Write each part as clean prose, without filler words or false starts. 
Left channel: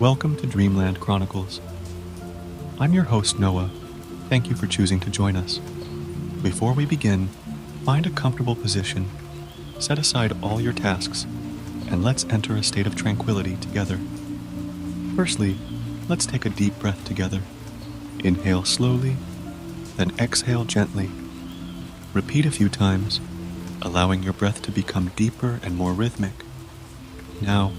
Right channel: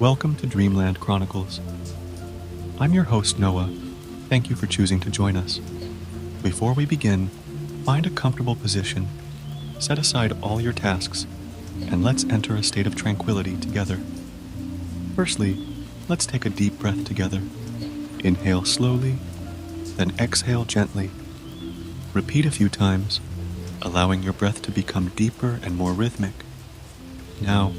Welcome to Dreamland Chronicles. I'm your host, Noah. Thank you for choosing to join us. Before we begin, find a comfortable position, set aside all your tasks, and let's enter a state of tranquility together. Firstly, let's take a deep breath together. Inhale slowly, then exhale gently. Repeat a few times, allowing your breath to become deeper and more rhythmic. Now,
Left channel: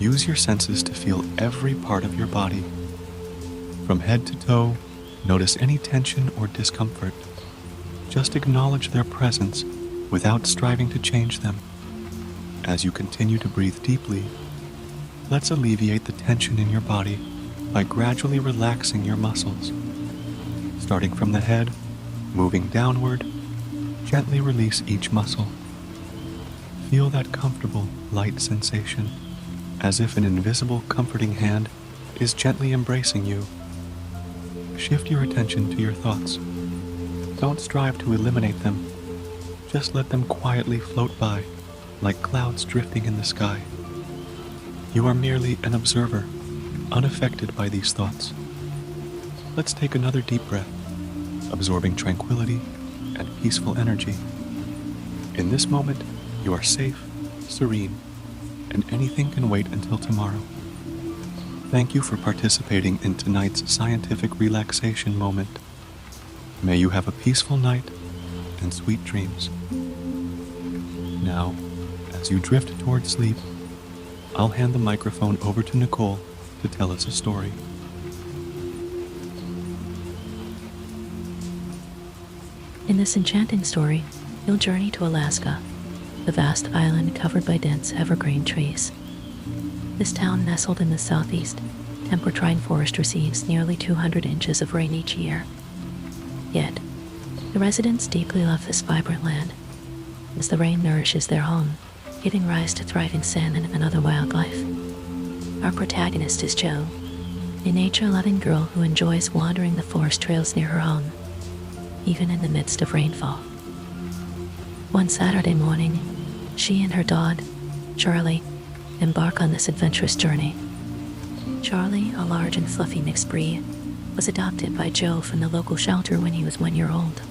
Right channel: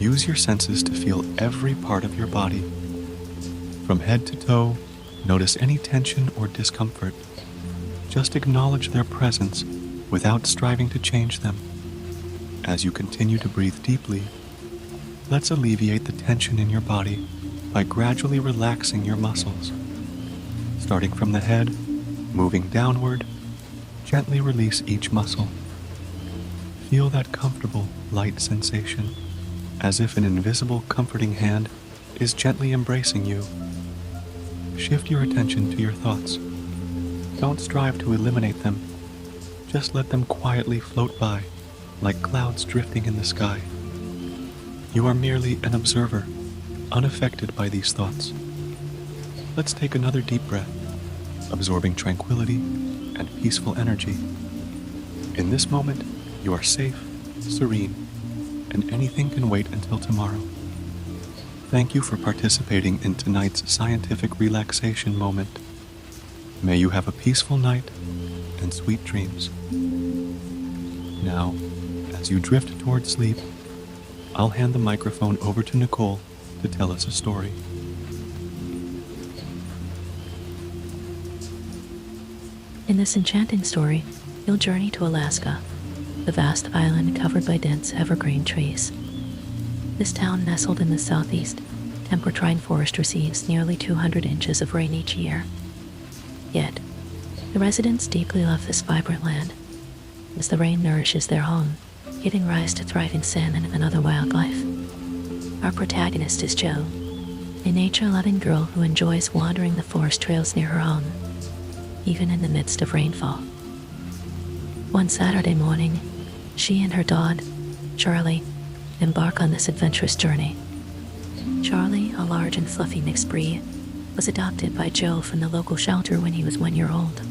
use your senses to feel every part of your body. From head to toe, notice any tension or discomfort. Just acknowledge their presence without striving to change them. As you continue to breathe deeply, let's alleviate the tension in your body by gradually relaxing your muscles. Starting from the head, moving downward, gently release each muscle. Feel that comfortable, light sensation, as if an invisible, comforting hand is gently embracing you. Shift your attention to your thoughts. Don't strive to eliminate them. Just let them quietly float by, like clouds drifting in the sky. You are merely an observer, unaffected by these thoughts. Let's take another deep breath, absorbing tranquility and peaceful energy. In this moment, you are safe, serene, and anything can wait until tomorrow. Thank you for participating in tonight's scientific relaxation moment. May you have a peaceful night and sweet dreams. Now, as you drift toward sleep, I'll hand the microphone over to Nicole to tell us a story. In this enchanting story, you'll journey to Alaska, the vast island covered by dense evergreen trees. This town, nestled in the southeast, temperate rainforest, receives nearly 200 inches of rain each year. Yet, the residents deeply love this vibrant land, as the rain nourishes their home, giving rise to thriving salmon and other wildlife. Our protagonist is Jo, a nature-loving girl who enjoys wandering the forest trails near her home, even in the midst of rainfall. One Saturday morning, she and her dog, Charlie, embark on this adventurous journey. Charlie, a large and fluffy mixed breed, was adopted by Jo from the local shelter when he was 1 year old.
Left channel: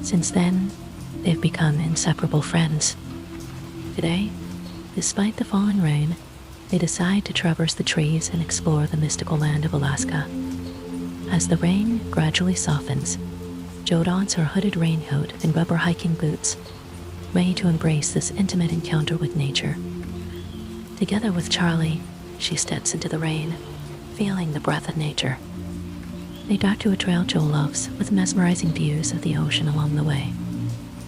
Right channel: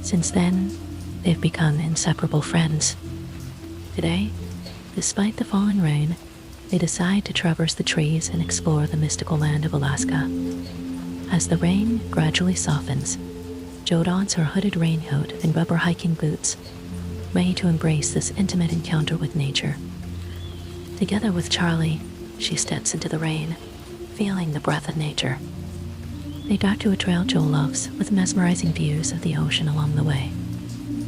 Since then, they've become inseparable friends. Today, despite the falling rain, they decide to traverse the trees and explore the mystical land of Alaska. As the rain gradually softens, Jo dons her hooded raincoat and rubber hiking boots, ready to embrace this intimate encounter with nature. Together with Charlie, she steps into the rain, feeling the breath of nature. They dock to a trail Jo loves, with mesmerizing views of the ocean along the way.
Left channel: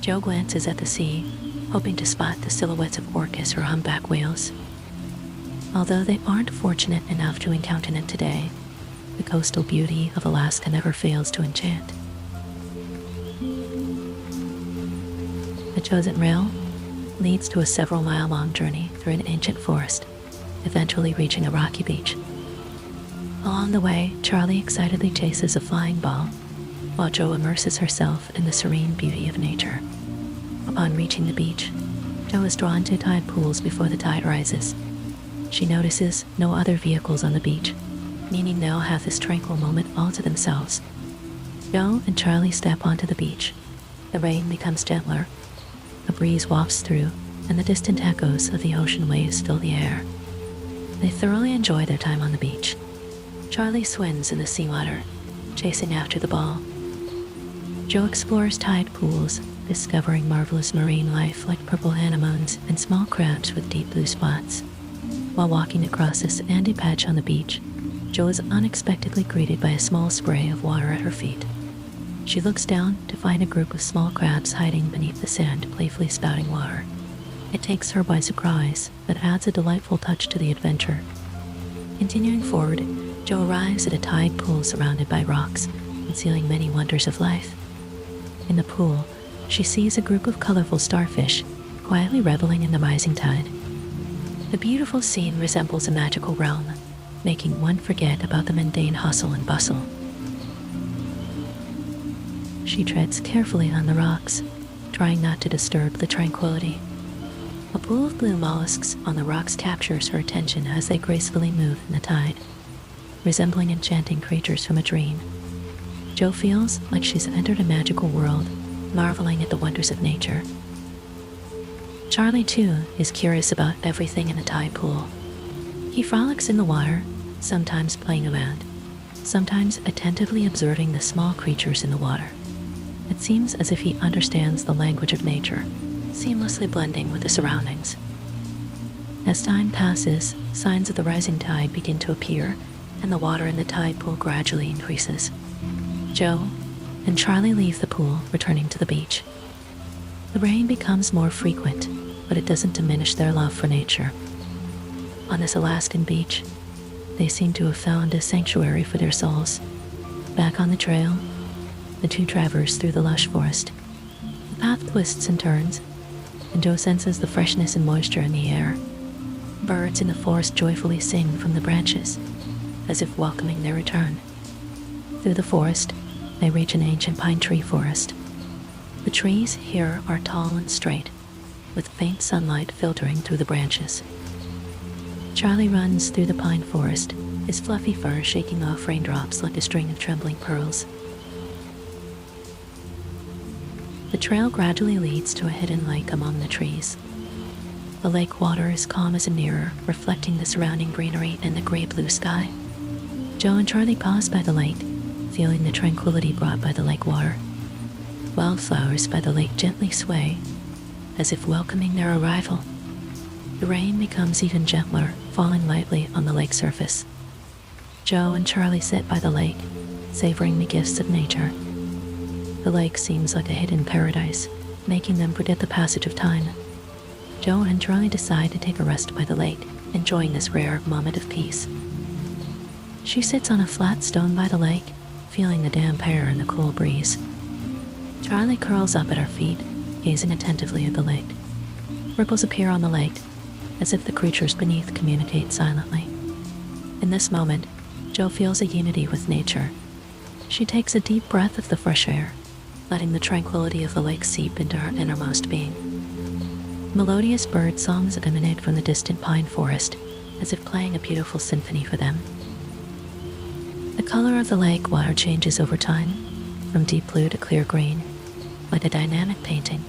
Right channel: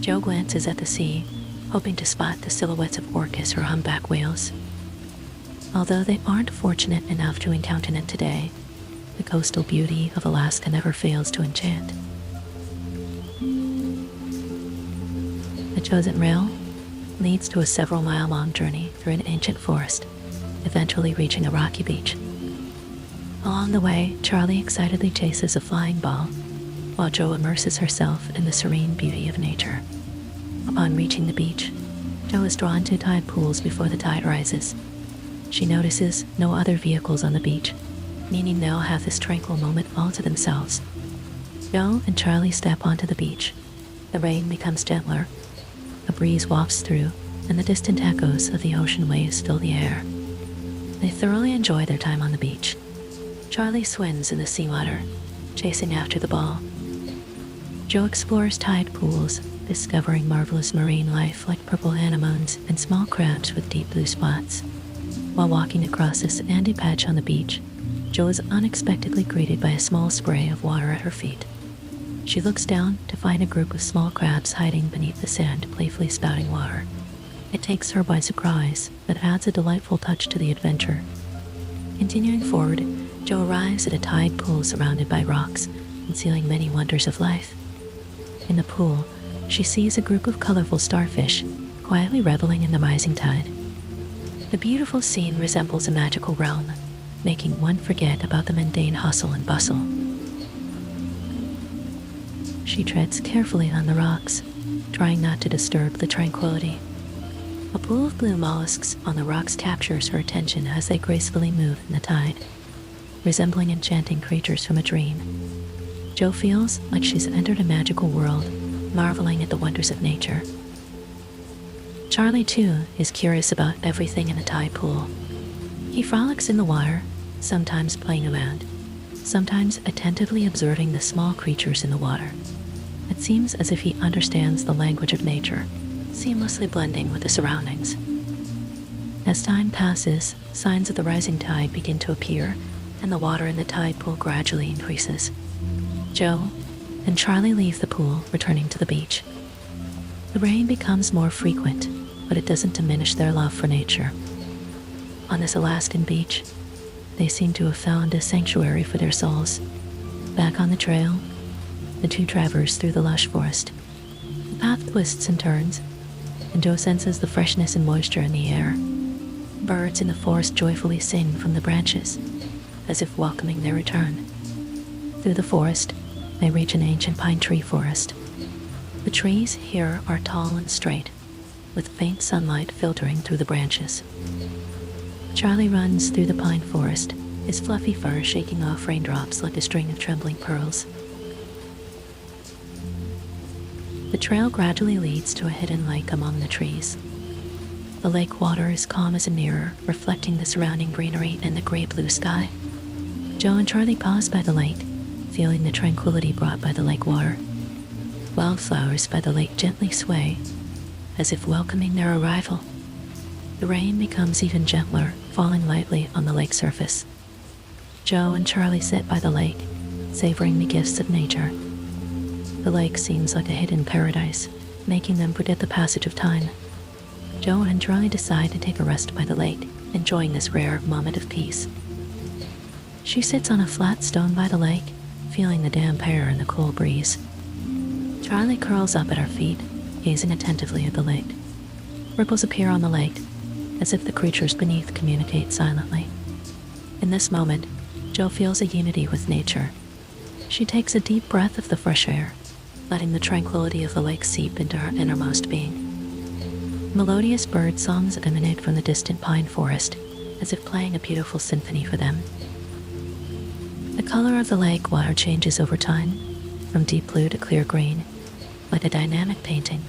Jo glances at the sea, hoping to spot the silhouettes of orcas or humpback whales. Although they aren't fortunate enough to encounter it today, the coastal beauty of Alaska never fails to enchant. The chosen rail leads to a several-mile-long journey through an ancient forest, eventually reaching a rocky beach. Along the way, Charlie excitedly chases a flying ball, while Jo immerses herself in the serene beauty of nature. Upon reaching the beach, Jo is drawn to tide pools before the tide rises. She notices no other vehicles on the beach, meaning they'll have this tranquil moment all to themselves. Jo and Charlie step onto the beach. The rain becomes gentler. A breeze wafts through, and the distant echoes of the ocean waves fill the air. They thoroughly enjoy their time on the beach. Charlie swims in the seawater, chasing after the ball. Jo explores tide pools, discovering marvelous marine life like purple anemones and small crabs with deep blue spots. While walking across a sandy patch on the beach, Jo is unexpectedly greeted by a small spray of water at her feet. She looks down to find a group of small crabs hiding beneath the sand, playfully spouting water. It takes her by surprise, but adds a delightful touch to the adventure. Continuing forward, Jo arrives at a tide pool surrounded by rocks, concealing many wonders of life. In the pool, she sees a group of colorful starfish, quietly reveling in the rising tide. The beautiful scene resembles a magical realm, making one forget about the mundane hustle and bustle. She treads carefully on the rocks, trying not to disturb the tranquility. A pool of blue mollusks on the rocks captures her attention as they gracefully move in the tide, resembling enchanting creatures from a dream. Jo feels like she's entered a magical world, marveling at the wonders of nature. Charlie, too, is curious about everything in the tide pool. He frolics in the water, sometimes playing around, sometimes attentively observing the small creatures in the water. It seems as if he understands the language of nature, seamlessly blending with the surroundings. As time passes, signs of the rising tide begin to appear, and the water in the tide pool gradually increases. Jo and Charlie leave the pool, returning to the beach. The rain becomes more frequent, but it doesn't diminish their love for nature. On this Alaskan beach, they seem to have found a sanctuary for their souls. Back on the trail, the two traverse through the lush forest. The path twists and turns, and Jo senses the freshness and moisture in the air. Birds in the forest joyfully sing from the branches, as if welcoming their return. Through the forest, they reach an ancient pine tree forest. The trees here are tall and straight, with faint sunlight filtering through the branches. Charlie runs through the pine forest, his fluffy fur shaking off raindrops like a string of trembling pearls. The trail gradually leads to a hidden lake among the trees. The lake water is calm as a mirror, reflecting the surrounding greenery and the gray blue sky. Jo and Charlie pause by the lake, feeling the tranquility brought by the lake water. Wildflowers by the lake gently sway, as if welcoming their arrival. The rain becomes even gentler, falling lightly on the lake surface. Jo and Charlie sit by the lake, savoring the gifts of nature. The lake seems like a hidden paradise, making them forget the passage of time. Jo and Charlie decide to take a rest by the lake, enjoying this rare moment of peace. She sits on a flat stone by the lake, feeling the damp air and the cool breeze. Charlie curls up at her feet, gazing attentively at the lake. Ripples appear on the lake, as if the creatures beneath communicate silently. In this moment, Jo feels a unity with nature. She takes a deep breath of the fresh air, letting the tranquility of the lake seep into her innermost being. Melodious bird songs emanate from the distant pine forest, as if playing a beautiful symphony for them. The color of the lake water changes over time, from deep blue to clear green, like a dynamic painting.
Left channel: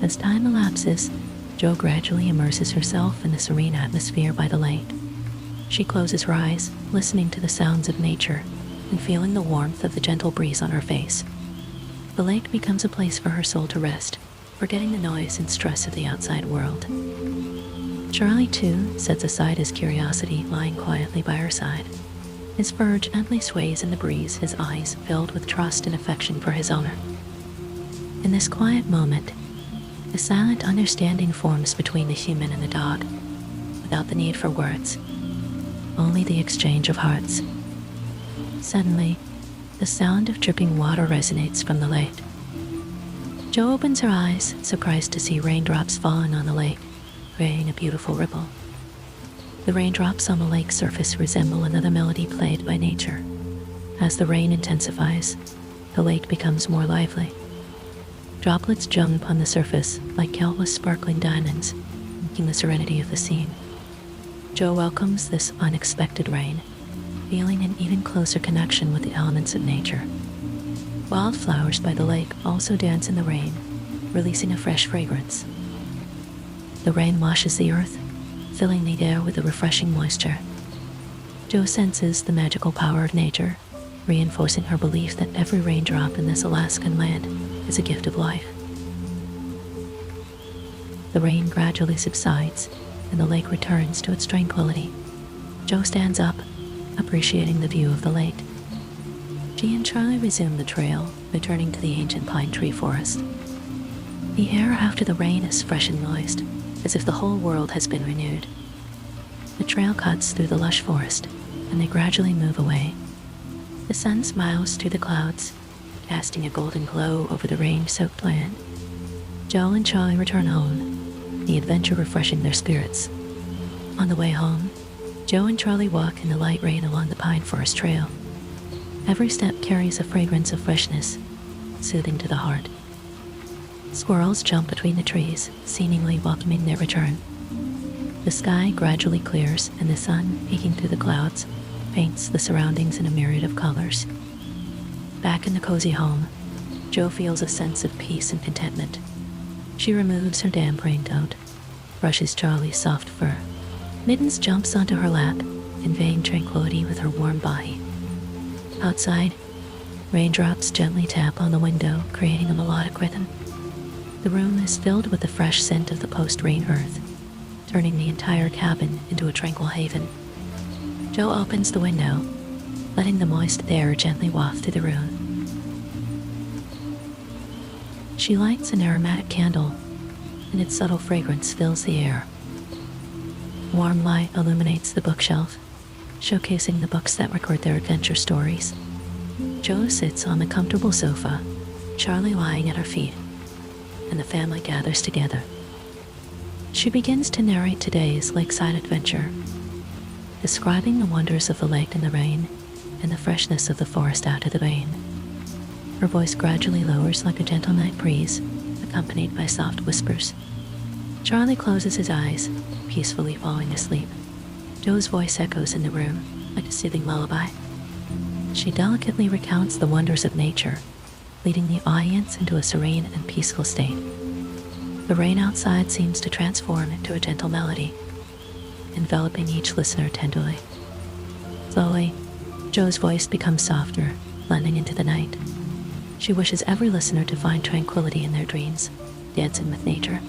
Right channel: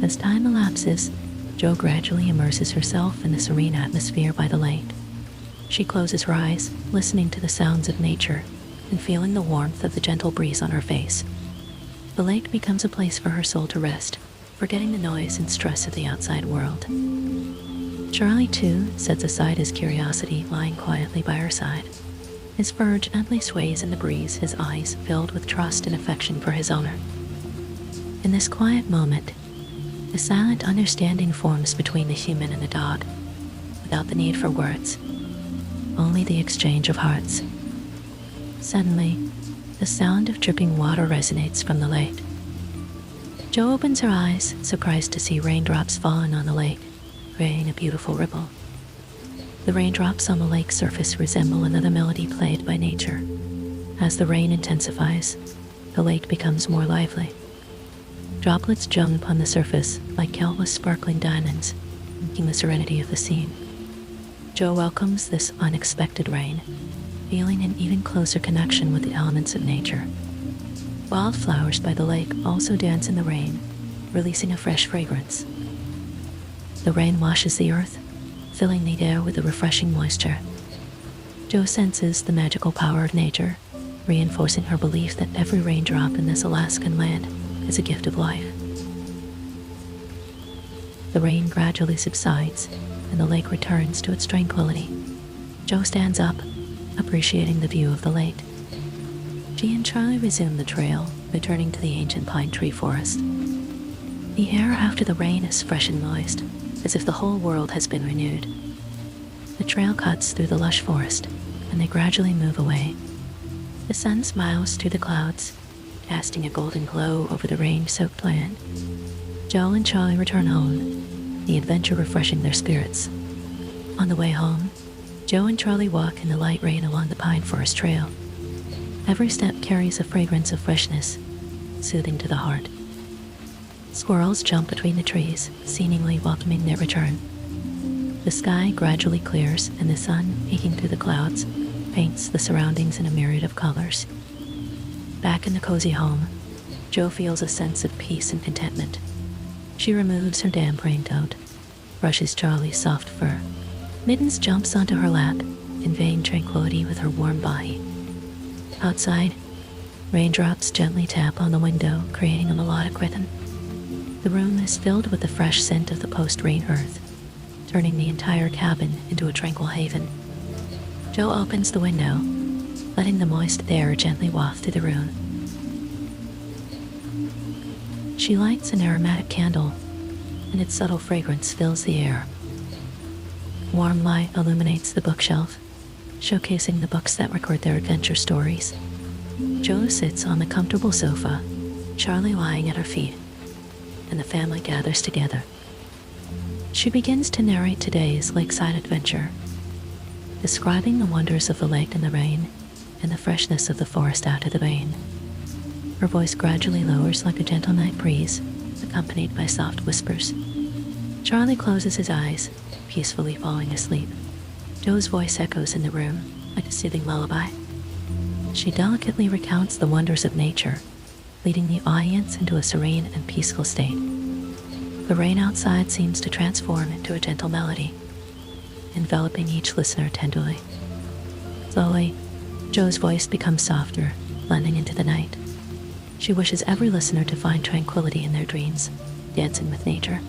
As time elapses, Jo gradually immerses herself in the serene atmosphere by the lake. She closes her eyes, listening to the sounds of nature and feeling the warmth of the gentle breeze on her face. The lake becomes a place for her soul to rest, forgetting the noise and stress of the outside world. Charlie, too, sets aside his curiosity, lying quietly by her side. His fur gently sways in the breeze, his eyes filled with trust and affection for his owner. In this quiet moment, a silent understanding forms between the human and the dog, without the need for words, only the exchange of hearts. Suddenly, the sound of dripping water resonates from the lake. Jo opens her eyes, surprised to see raindrops falling on the lake, creating a beautiful ripple. The raindrops on the lake surface resemble another melody played by nature. As the rain intensifies, the lake becomes more lively. Droplets jump on the surface like countless sparkling diamonds, making the serenity of the scene. Jo welcomes this unexpected rain, feeling an even closer connection with the elements of nature. Wildflowers by the lake also dance in the rain, releasing a fresh fragrance. The rain washes the earth, filling the air with a refreshing moisture. Jo senses the magical power of nature, reinforcing her belief that every raindrop in this Alaskan land is a gift of life. The rain gradually subsides, and the lake returns to its tranquility. Jo stands up, appreciating the view of the lake. She and Charlie resume the trail, returning to the ancient pine tree forest. The air after the rain is fresh and moist, as if the whole world has been renewed. The trail cuts through the lush forest, and they gradually move away. The sun smiles through the clouds, casting a golden glow over the rain-soaked land. Jo and Charlie return home, the adventure refreshing their spirits. On the way home, Jo and Charlie walk in the light rain along the pine forest trail. Every step carries a fragrance of freshness, soothing to the heart. Squirrels jump between the trees, seemingly welcoming their return. The sky gradually clears, and the sun, peeking through the clouds, paints the surroundings in a myriad of colors. Back in the cozy home, Jo feels a sense of peace and contentment. She removes her damp raincoat, brushes Charlie's soft fur. Mittens jumps onto her lap, conveying tranquility with her warm body. Outside, raindrops gently tap on the window, creating a melodic rhythm. The room is filled with the fresh scent of the post-rain earth, turning the entire cabin into a tranquil haven. Jo opens the window, letting the moist air gently waft through the room. She lights an aromatic candle, and its subtle fragrance fills the air. Warm light illuminates the bookshelf, showcasing the books that record their adventure stories. Jo sits on the comfortable sofa, Charlie lying at her feet, and the family gathers together. She begins to narrate today's lakeside adventure, describing the wonders of the lake in the rain and the freshness of the forest after the rain. Her voice gradually lowers like a gentle night breeze, accompanied by soft whispers. Charlie closes his eyes, peacefully falling asleep. Jo's voice echoes in the room like a soothing lullaby. She delicately recounts the wonders of nature, leading the audience into a serene and peaceful state. The rain outside seems to transform into a gentle melody, enveloping each listener tenderly. Slowly, Jo's voice becomes softer, blending into the night. She wishes every listener to find tranquility in their dreams, dancing with nature.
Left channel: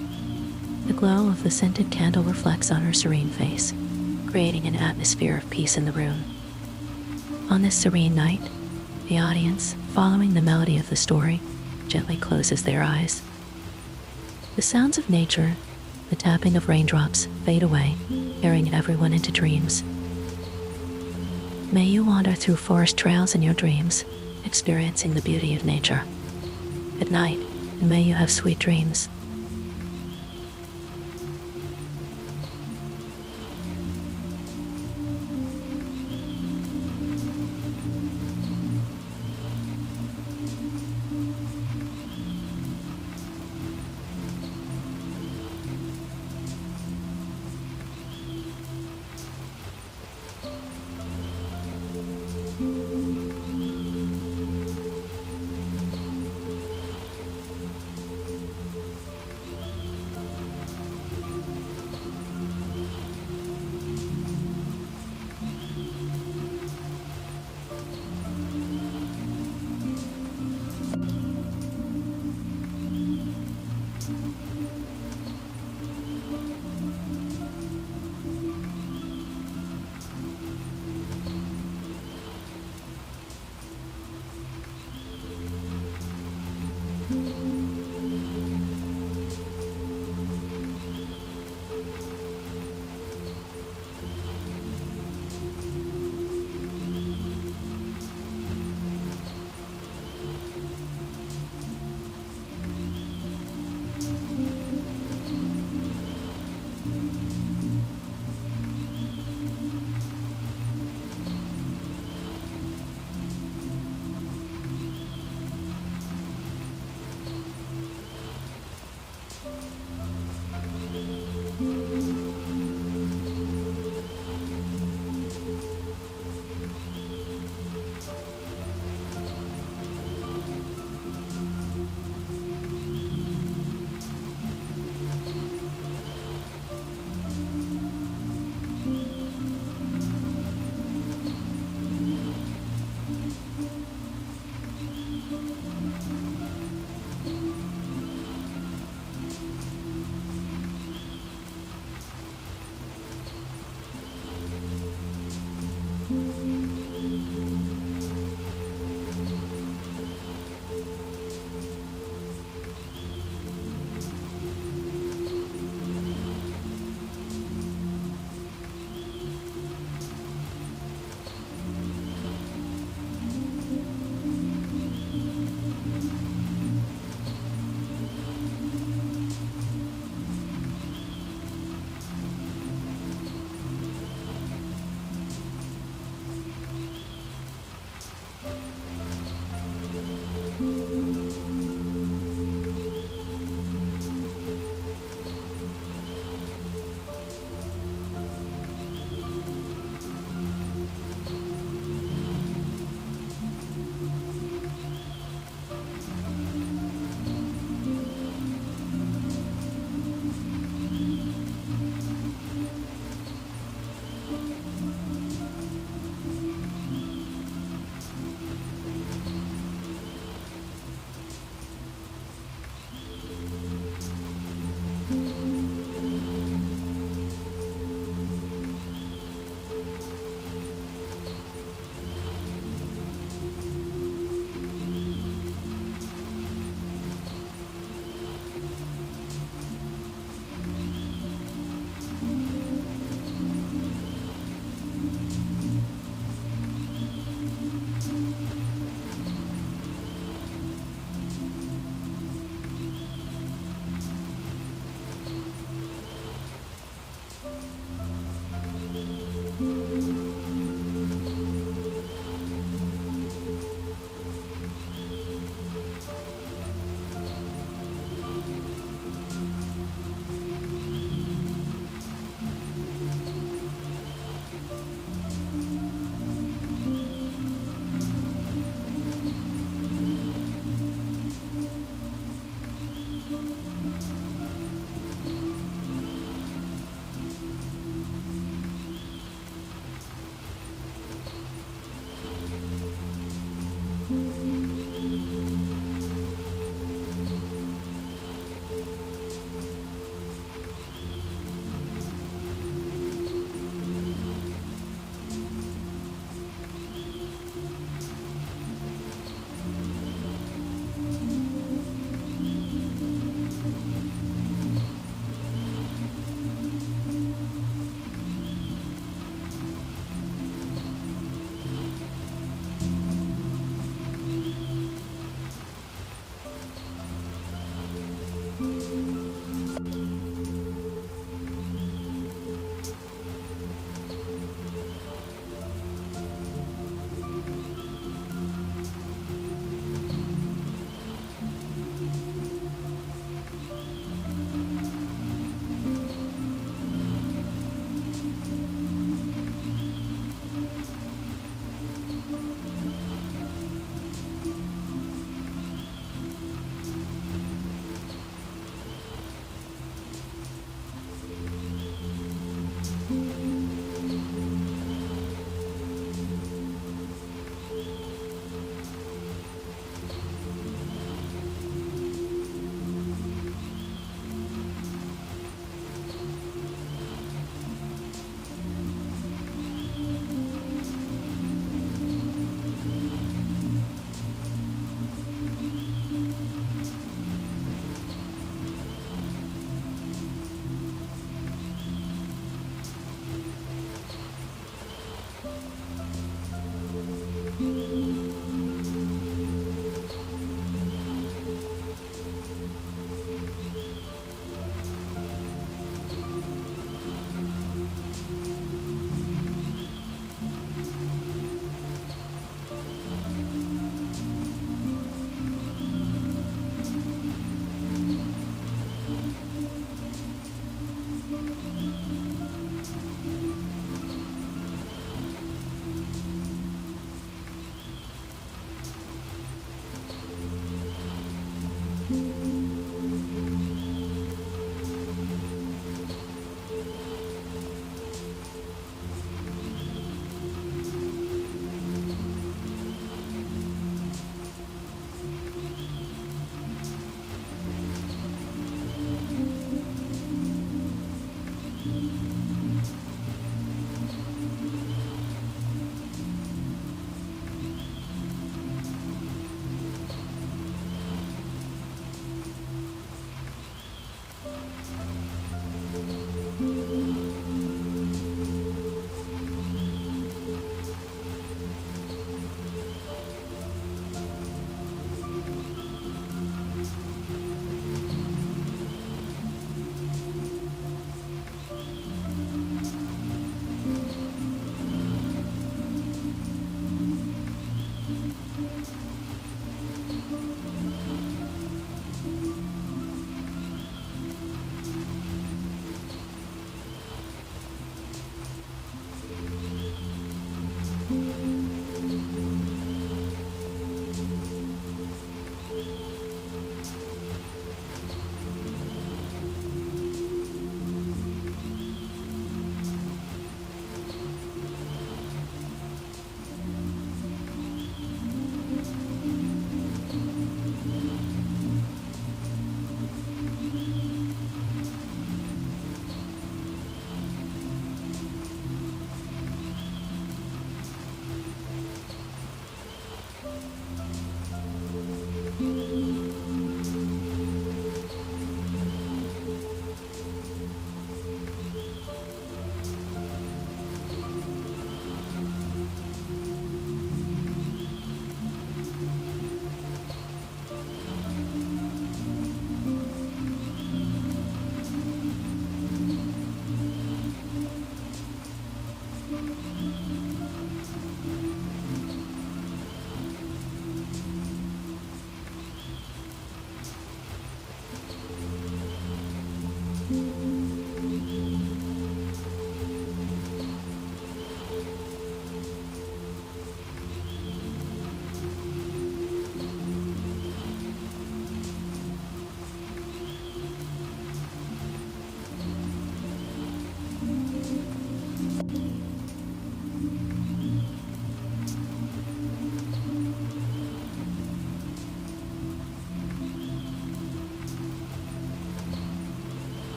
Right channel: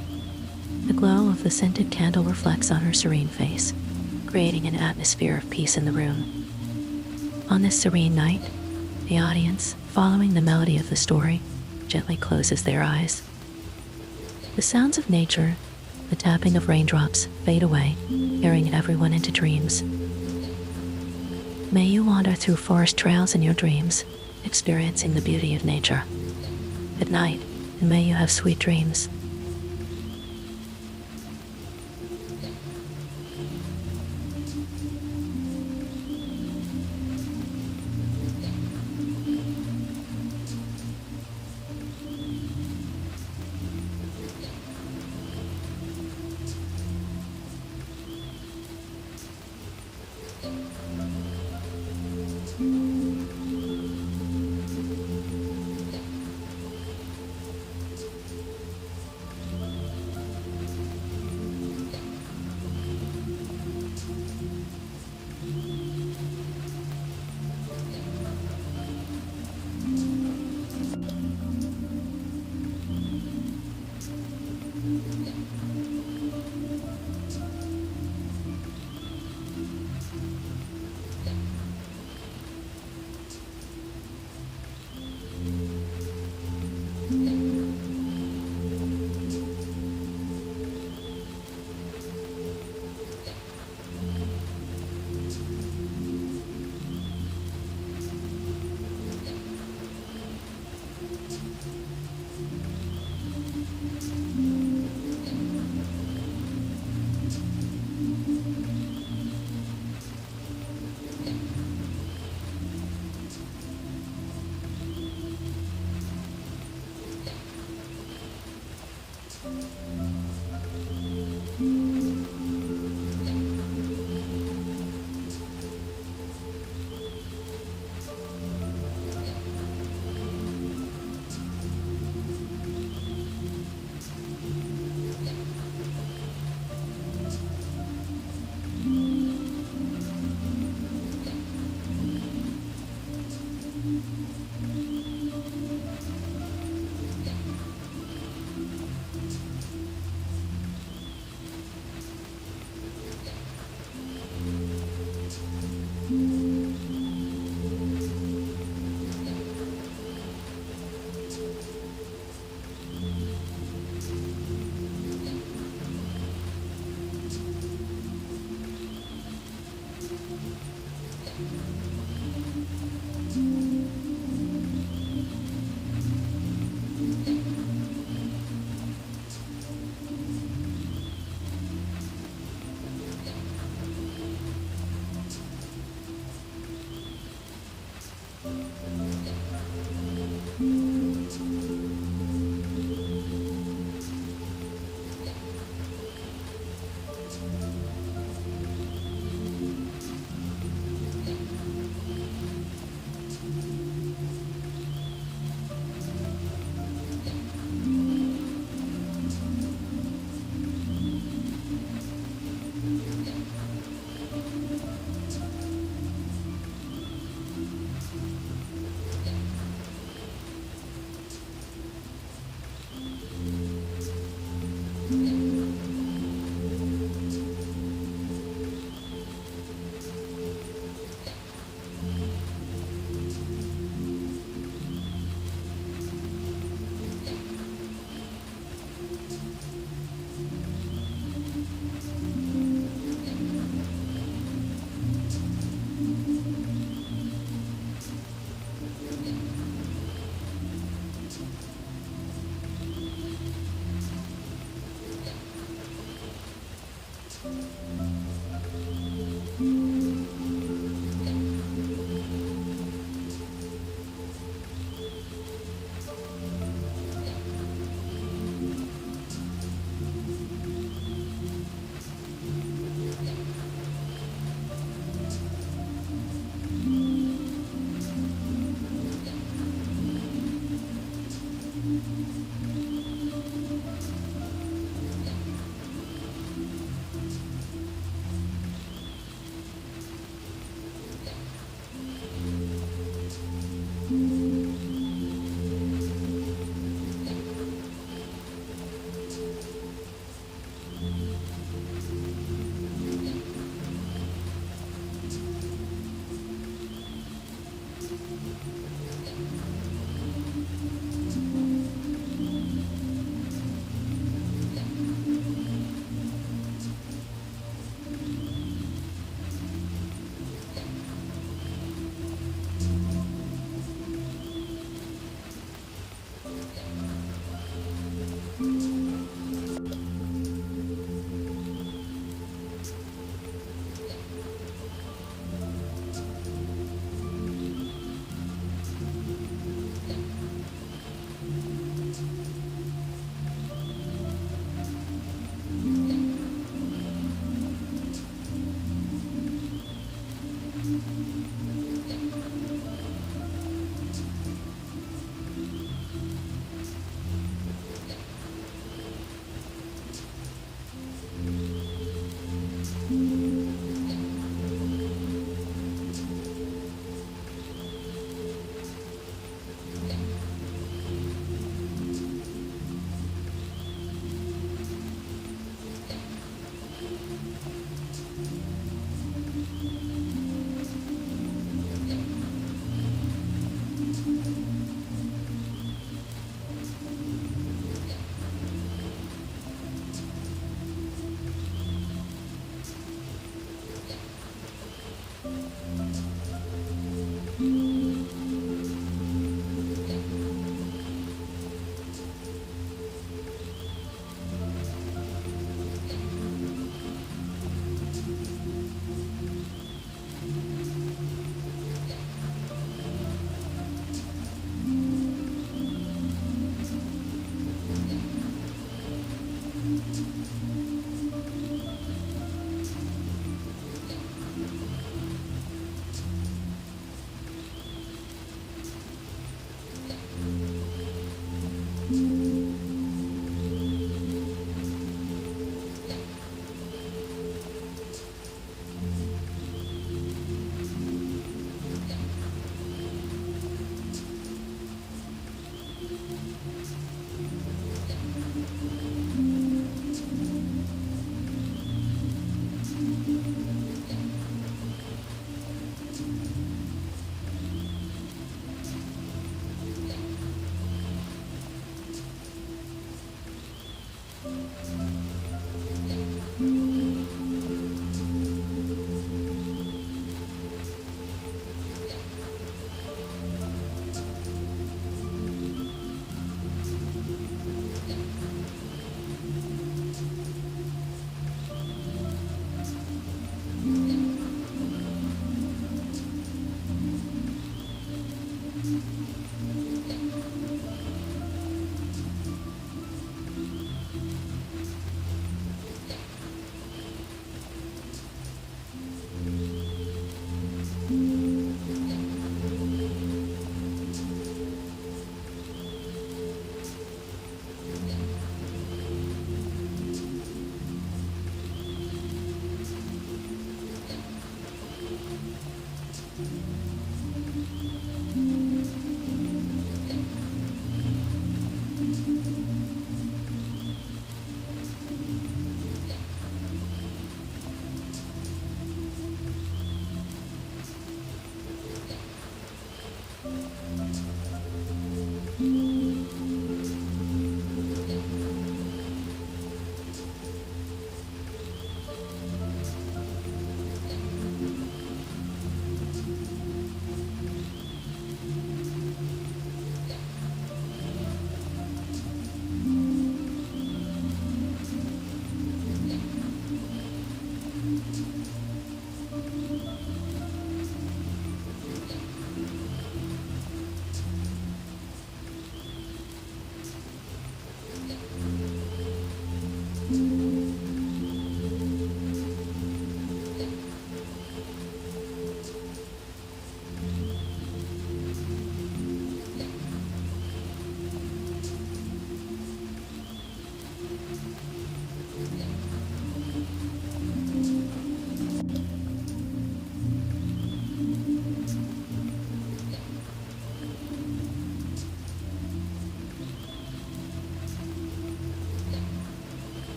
The glow of the scented candle reflects on her serene face, creating an atmosphere of peace in the room. On this serene night, the audience, following the melody of the story, gently closes their eyes. The sounds of nature, the tapping of raindrops, fade away, carrying everyone into dreams. May you wander through forest trails in your dreams, experiencing the beauty of nature. Good night, and may you have sweet dreams.